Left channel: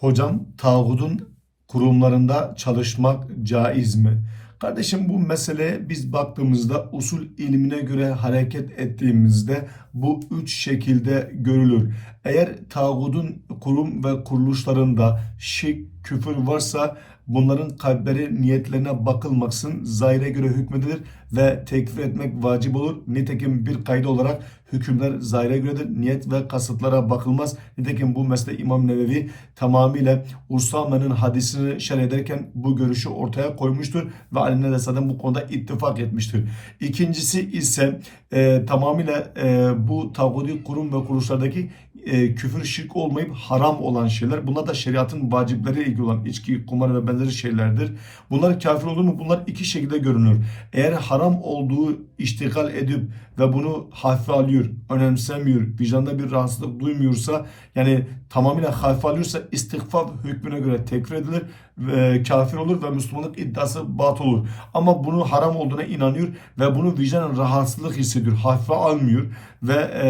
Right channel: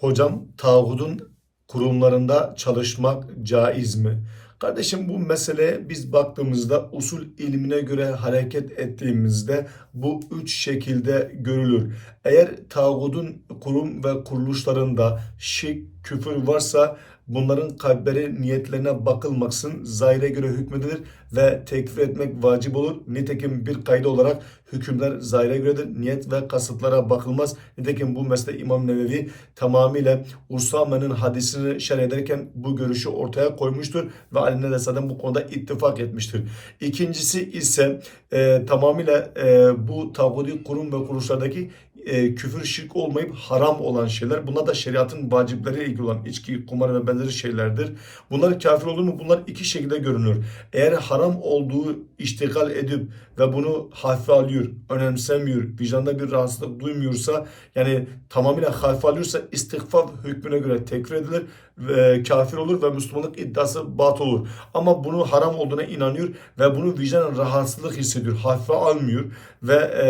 Hocam tağutun kurumlarında çalışmak caiz mi? Kardeşim bu mesele biz baktığımızda usul ilmine göre hareket ettiğimizde bu üç şekilde görülür. Eğer tağutun kurum ve kuruluşlarında şirk, küfür varsa bunların kalpleri niyetlerine bakılmaksın zahire göre hükmedilir ve tekfir etmek vacip olur. Nitekim bir kaydı olarak hükümler zahire göredir. Niyet ve kasıtlara bakılmaz. Nitekim bu mesele İmam Nevevi tamamıyla Usame'nin hadisini şerh ederken bu görüşü ortaya koymuştur ve alimler de zaten bu konuda ittifak etmiştir. İkincisi ise e, tamamıyla e, bu tağuti kurum ve kuruluşlardaki e, küfür şirk olmayıp haram olan şeyler. Bunlar da şeriatın vacipleriyle ilgili olan içki, kumar ve benzeri şeylerdir. Bunlar kafir olur mu? Bunlar iki şekilde görünür. Eğer haram olduğu iştigal edip ve bunu hafife alıyor, önemsemiyor, vicdanda bir rahatsızlık duymuyorsa yani tamamıyla hafife alıyorsa istiğfar hükmüne göre tekfir edilir ve kafir olur ve Müslümanlık iddiası batıl olur. Ama bunun haram olduğuna inanıyor ve bunu vicdanen rahatsızlık hissediyor. Hafife almıyor ve e,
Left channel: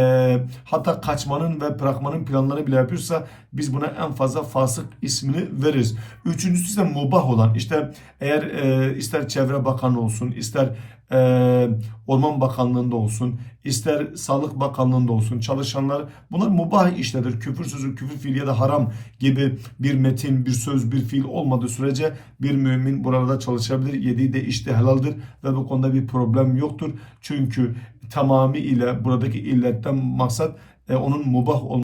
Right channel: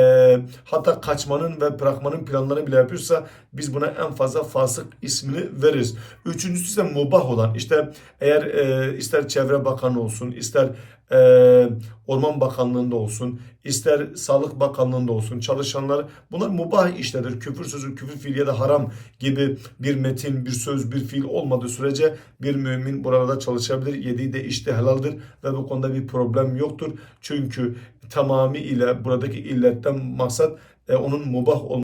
hatta kaçmanın ve bırakmanın planlarını bile yapıyorsa biz buna en fazla fasık ismini veririz. Üçüncüsü ise mubah olan işte eğer e, ister Çevre Bakanı olsun ister e, Orman Bakanlığı'nda olsun ister Sağlık Bakanlığı'nda olsun çalışanlar bunlar mubah işlerdir. Küfür sözü, küfür fiil ya da haram gibi bir metin, bir söz, bir fiil olmadığı sürece bir mümin burada çalışabilir. Yediği de işte helaldir ve bu konuda bir problem yoktur. Çünkü tamamıyla buradaki illetten maksat e, onun mubah olması